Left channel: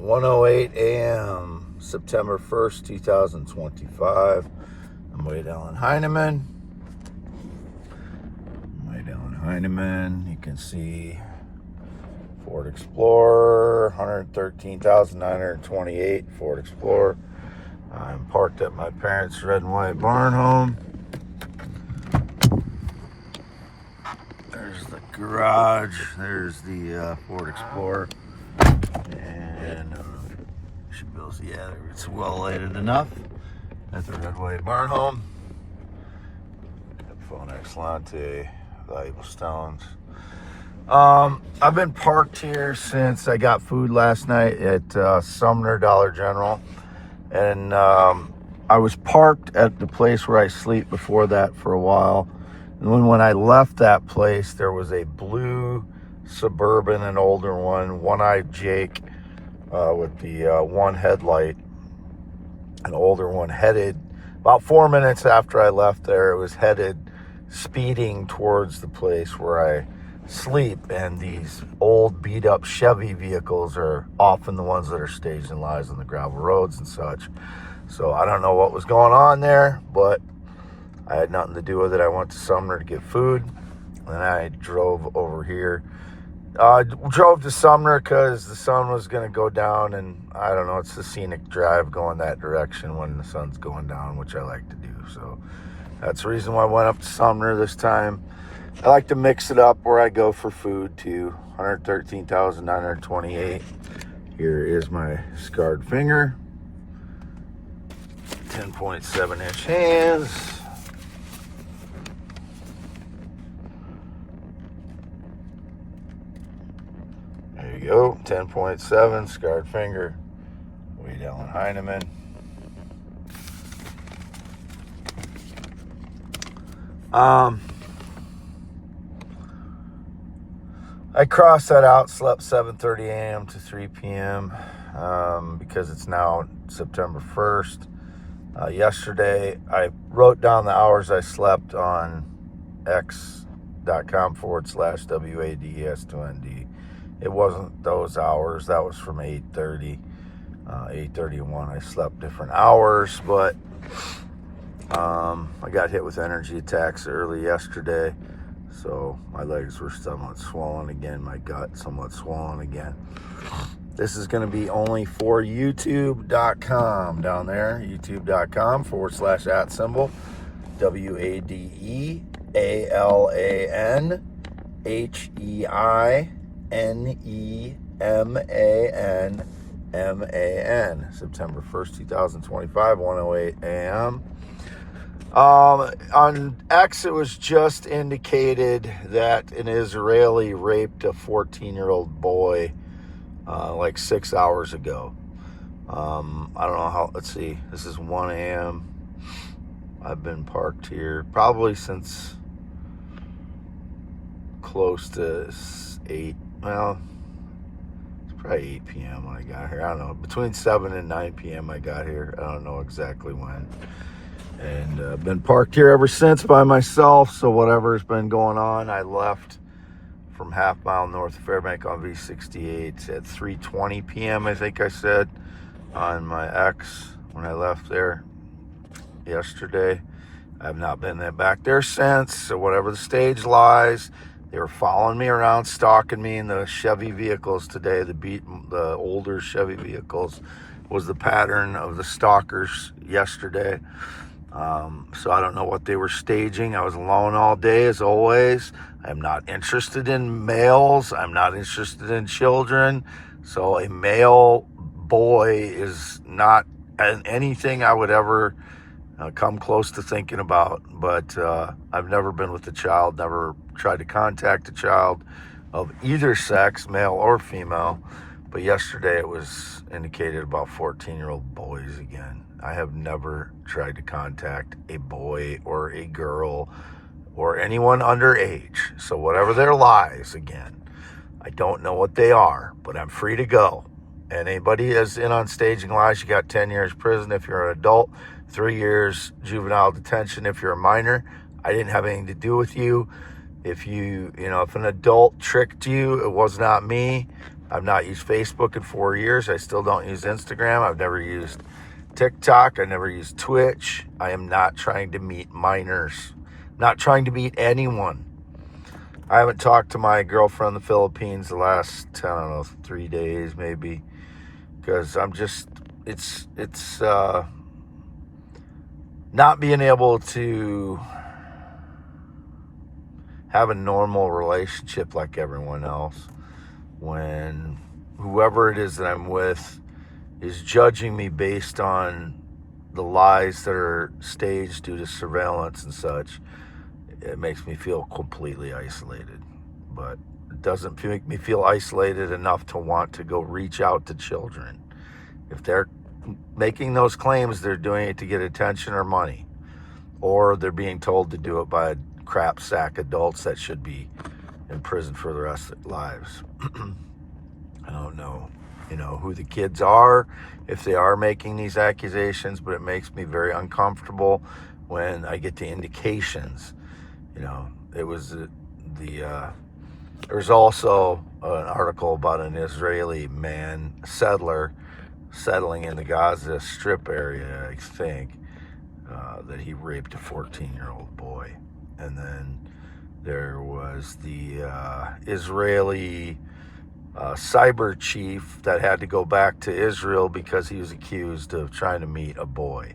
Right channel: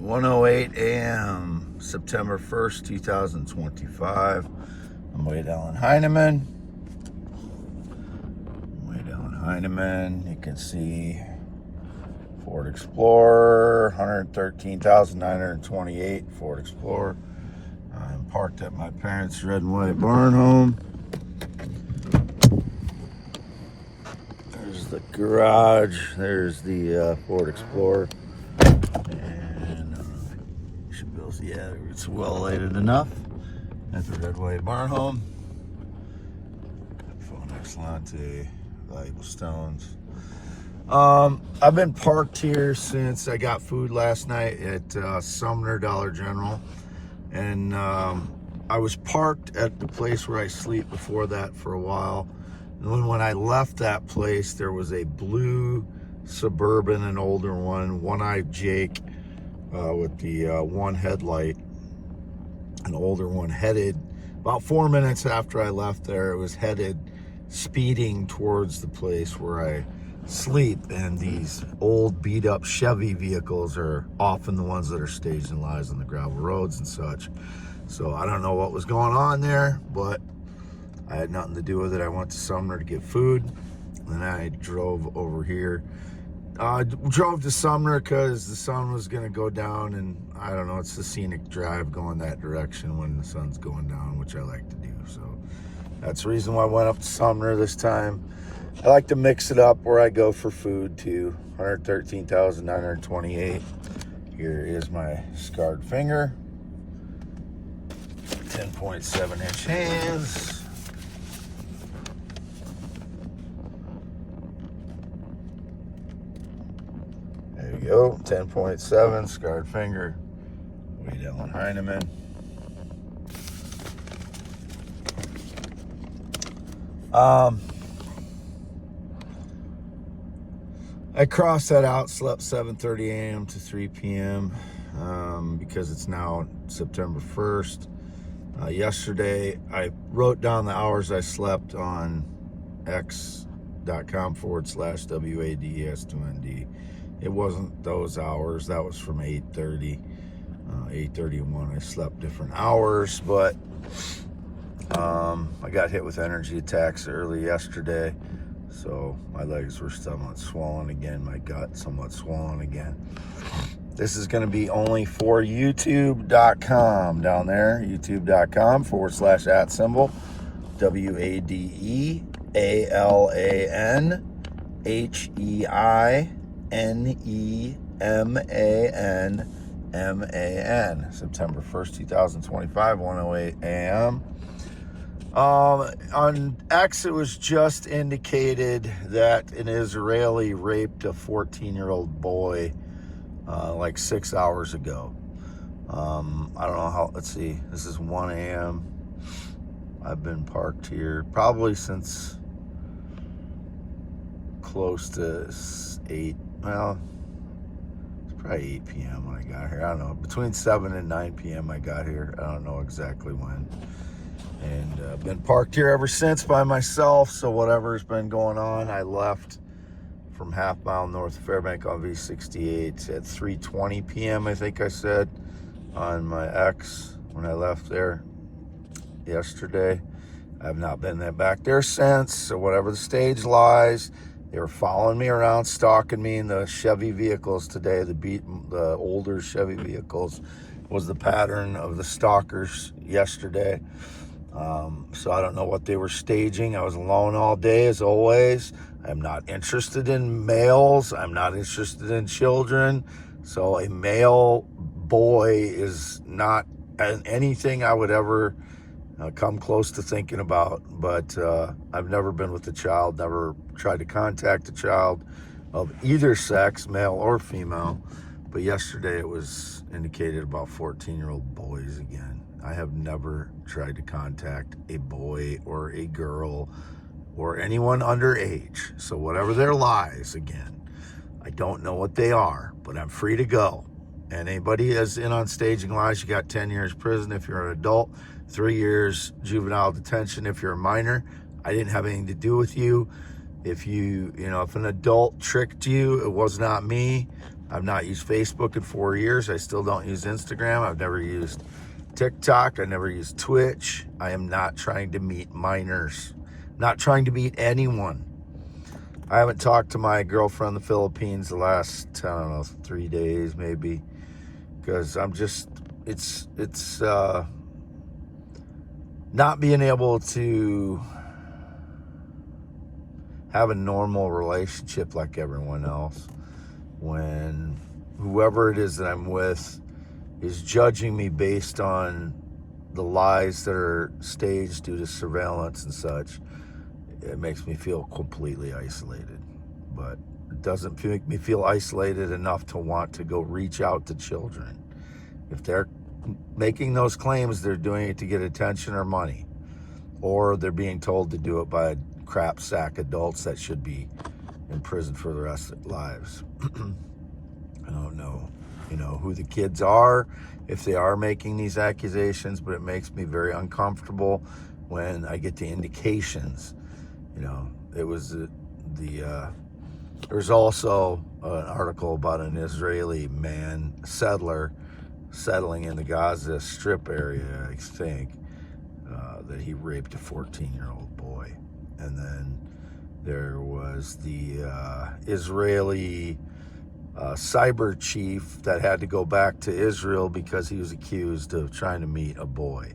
1:08 a.m. September 1st, 2025. I'm way down Heineman. You can see Ford Explorer, 113,928 Ford Explorer. I'm parked at my parents' red and white barn home. There's the garage. There's the Ford Explorer. And she builds, yeah, it's well lighted enough. At the red white barn home. Phone Excellente, valuable stones. I've been parked here since I got food last night at Sumner Dollar General. And I was parked at the place where I sleep before that for a while. And when I left that place, there was a blue Suburban, an older one-eyed Jake with the one headlight, an older one, headed about 4 minutes after I left there. It was headed speeding towards the place where I sleep, and these old beat up Chevy vehicles are often the ones that are staged in lies on the gravel roads and such. So I don't know what was going on there, but I had nothing to do with it. I went to Sumner to get food, and I drove over here. Drove to Sumner because the sun was going to go down, and I don't know, it's the scenic drive going that direction when the sun's going down, which I like to do. So that's the reason why I went up to Sumner this time. I like to mix it up where I go for food too. 113,928. Here is my scarred finger. 10.7 inch hands. There you go, 10.7, scarred finger, way down Heineman. I crossed that out, slept 7:30 a.m. to 3 p.m. Because it's now September 1st. Yesterday, I wrote down the hours I slept on x.com/WADES2ND. It wasn't those hours. That was from 8:30, 8:31. I slept different hours, but I got hit with energy attacks early yesterday, so my legs were somewhat swollen again, my gut somewhat swollen again. This is going to be only for youtube.com down there, youtube.com/@ WADEALANEMANMAN. September 1st, 2025, 1:08 a.m. On X, it was just indicated that an Israeli raped a 14-year-old boy like 6 hours ago. I don't know how, let's see, this is 1 a.m. I've been parked here probably since close to 8, well, it's probably 8 p.m. when I got here. I don't know, between 7 and 9 p.m. I got here. I don't know exactly when. And I've been parked here ever since by myself, so whatever's been going on, I left from half mile north of Fairbank on V68 at 3:20 p.m. I think I said on my X when I left there yesterday. I've not been back there since, so whatever the stage lies, they were following me around, stalking me in the Chevy vehicles today. The older Chevy vehicles was the pattern of the stalkers yesterday. So I don't know what they were staging. I was alone all day, as always. I'm not interested in males. I'm not interested in children. So a male boy is not anything I would ever come close to thinking about. But I've never been with a child, never tried to contact a child of either sex, male or female. But yesterday it was indicated about 14-year-old boys again. I have never tried to contact a boy or a girl or anyone underage. So whatever their lies, again, I don't know what they are, but I'm free to go. And anybody is in on staging lies, you got 10 years prison if you're an adult, 3 years juvenile detention if you're a minor. I didn't have anything to do with you. If if an adult tricked you, it was not me. I've not used Facebook in 4 years. I still don't use Instagram. I've never used TikTok. I never used Twitch. I am not trying to meet minors. Not trying to meet anyone. I haven't talked to my girlfriend in the Philippines the last, I don't know, 3 days maybe. Because I'm just, it's not being able to have a normal relationship like everyone else when whoever it is that I'm with is judging me based on the lies that are staged due to surveillance and such. It makes me feel completely isolated, but it doesn't make me feel isolated enough to want to go reach out to children. If they're making those claims, they're doing it to get attention or money, or they're being told to do it by crap sack adults that should be in prison for the rest of their lives. I don't know, who the kids are, if they are making these accusations, but it makes me very uncomfortable when I get the indications. It was there's also an article about an Israeli settler settling in the Gaza Strip area, I think, that he raped a 14-year-old boy. And then there was the Israeli cyber chief that had to go back to Israel because he was accused of trying to meet a boy.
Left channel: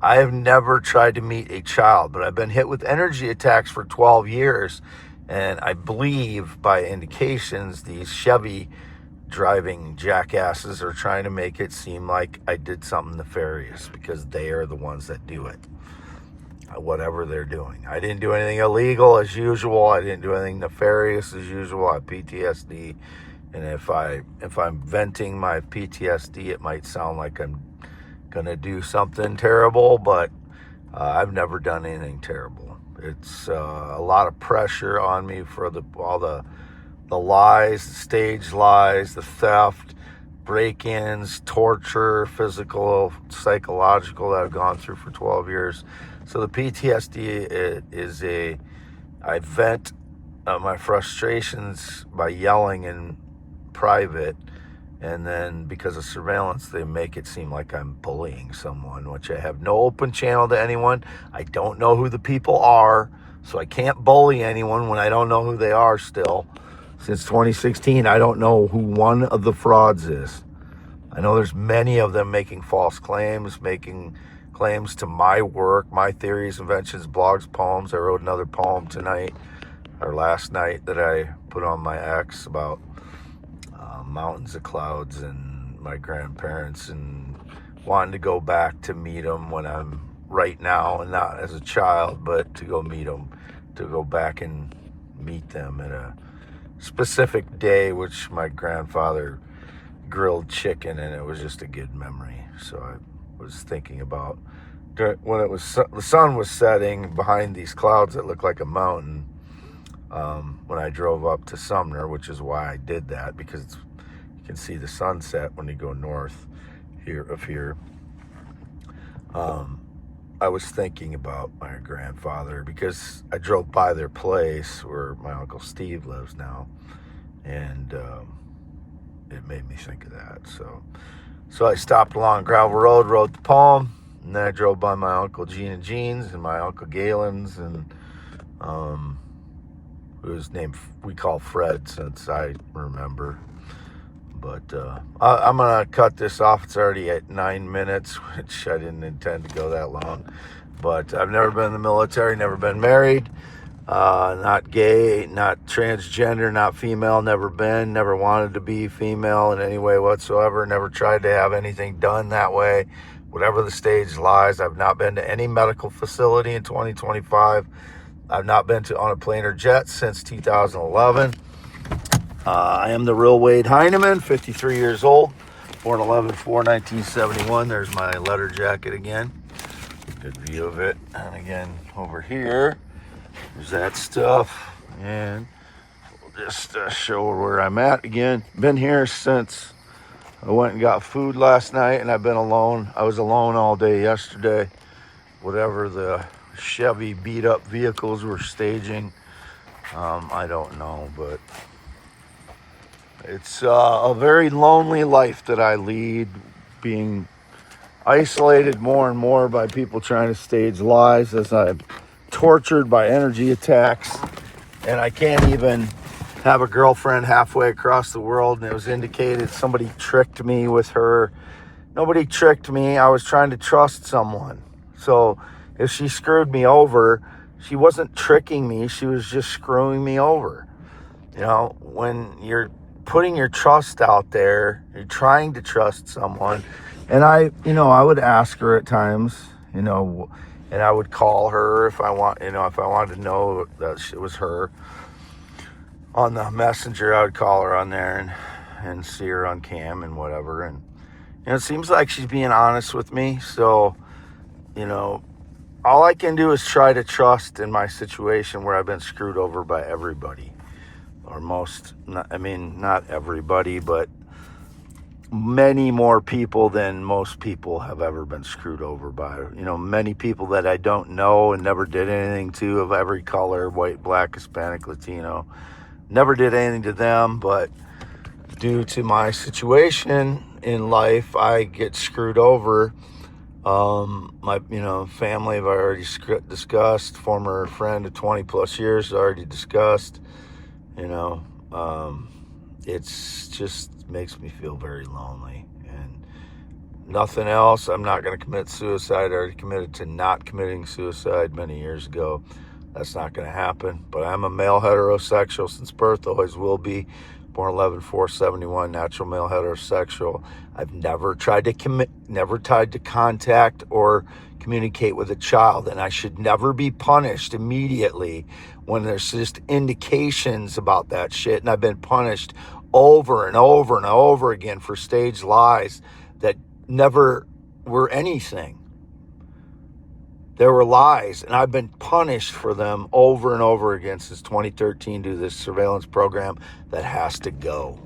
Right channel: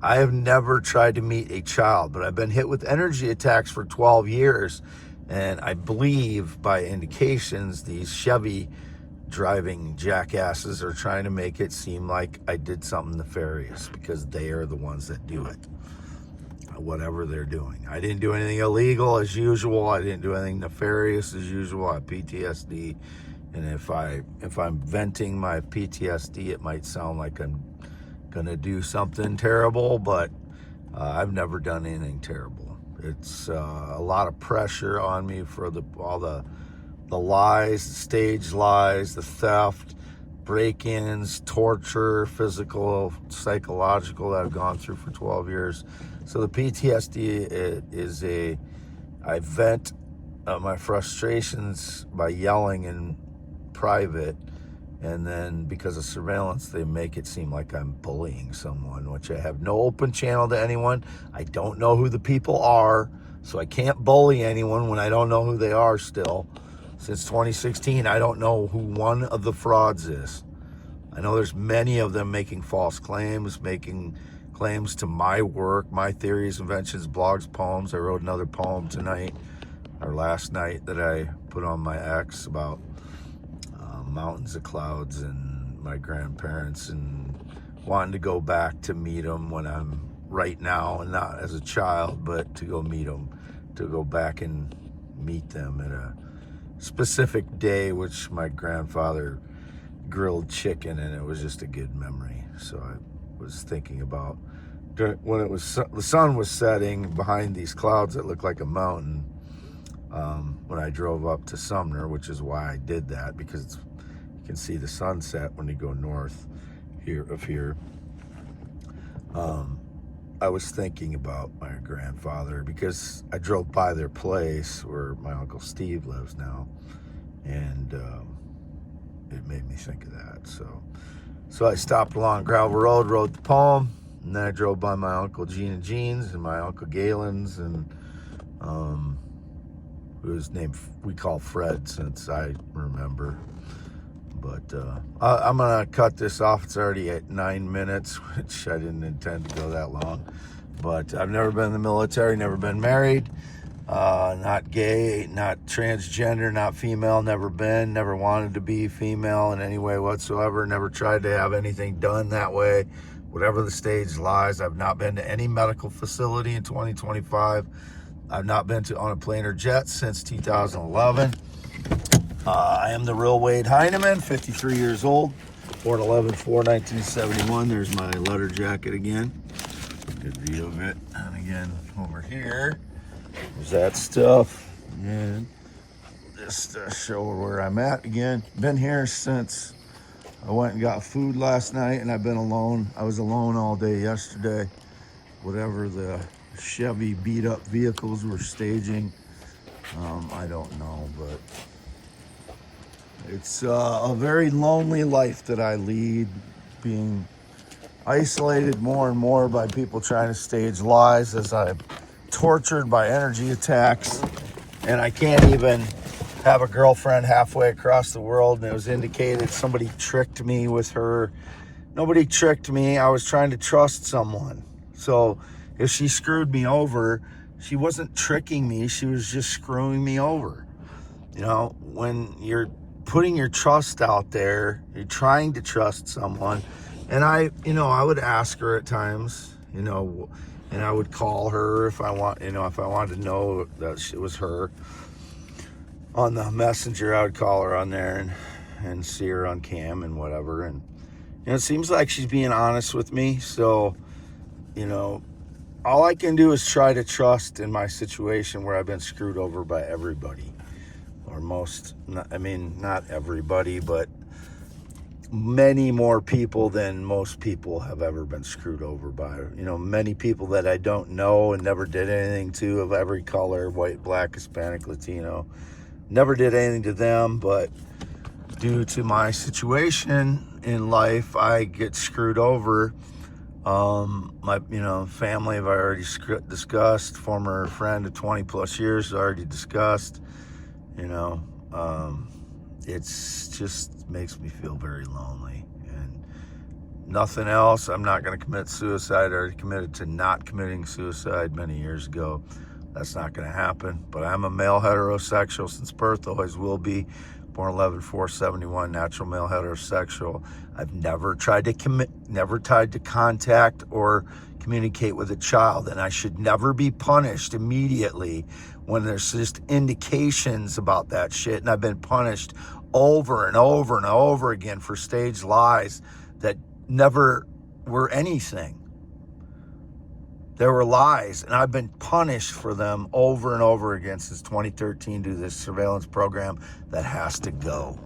I have never tried to meet a child, but I've been hit with energy attacks for 12 years. And I believe by indications, these Chevy driving jackasses are trying to make it seem like I did something nefarious because they are the ones that do it. Whatever they're doing. I didn't do anything illegal as usual. I didn't do anything nefarious as usual. I have PTSD. And if I'm venting my PTSD, it might sound like I'm gonna do something terrible, but I've never done anything terrible. It's a lot of pressure on me for all the lies, the staged lies, the theft, break-ins, torture, physical, psychological that I've gone through for 12 years. So the PTSD is I vent my frustrations by yelling in private, and then because of surveillance, they make it seem like I'm bullying someone, which I have no open channel to anyone. I don't know who the people are, so I can't bully anyone when I don't know who they are still. Since 2016, I don't know who one of the frauds is. I know there's many of them making false claims, making claims to my work, my theories, inventions, blogs, poems. I wrote another poem tonight, or last night, that I put on my X about mountains of clouds and my grandparents, and wanting to go back to meet them when I'm right now, and not as a child, but to go meet them, to go back and meet them at a specific day, which my grandfather grilled chicken, and it was just a good memory. So I was thinking about when the sun was setting behind these clouds that looked like a mountain, when I drove up to Sumner, which is why I did that, because you can see the sunset when you go north here. I was thinking about my grandfather because I drove by their place where my Uncle Steve lives now, and it made me think of that. So I stopped along gravel road, wrote the poem, and then I drove by my Uncle Gene and Jean's and my Uncle Galen's, and whose name we call Fred since I remember. But I'm going to cut this off. It's already at 9 minutes, which I didn't intend to go that long. But I've never been in the military, never been married, not gay, not transgender, not female, never wanted to be female in any way whatsoever, never tried to have anything done that way. Whatever the stage lies, I've not been to any medical facility in 2025. I've not been on a plane or jet since 2011. I am the real Wade Heineman, 53 years old, born 11/4/1971. There's my letter jacket again. Good view of it. And again, over here, there's that stuff. And just show where I'm at again. Been here since I went and got food last night, and I've been alone. I was alone all day yesterday. Whatever the Chevy beat up vehicles were staging, I don't know, but It's a very lonely life that I lead, being isolated more and more by people trying to stage lies as I'm tortured by energy attacks, and I can't even have a girlfriend halfway across the world, and it was indicated somebody tricked me with her. Nobody tricked me. I was trying to trust someone. So if she screwed me over, she wasn't tricking me. She was just screwing me over. You know, when you're putting your trust out there, you're trying to trust someone. And I would ask her at times, and I would call her if I wanted to know that it was her. On the messenger, I would call her on there and see her on cam and whatever. And it seems like she's being honest with me. So, all I can do is try to trust in my situation where I've been screwed over by everybody. Or not everybody, but many more people than most people have ever been screwed over by. Many people that I don't know and never did anything to, of every color, white, black, Hispanic, Latino. Never did anything to them, but due to my situation in life, I get screwed over. My family I've already discussed. Former friend of 20 plus years already discussed. It's just makes me feel very lonely, and nothing else. I'm not going to commit suicide. I already committed to not committing suicide many years ago. That's not going to happen. But I'm a male heterosexual since birth, always will be. Born 11/4/71, natural male heterosexual. I've never tried to contact or communicate with a child, and I should never be punished immediately when there's just indications about that shit. And I've been punished over and over and over again for staged lies that never were anything. There were lies, and I've been punished for them over and over again since 2013 due to this surveillance program that has to go.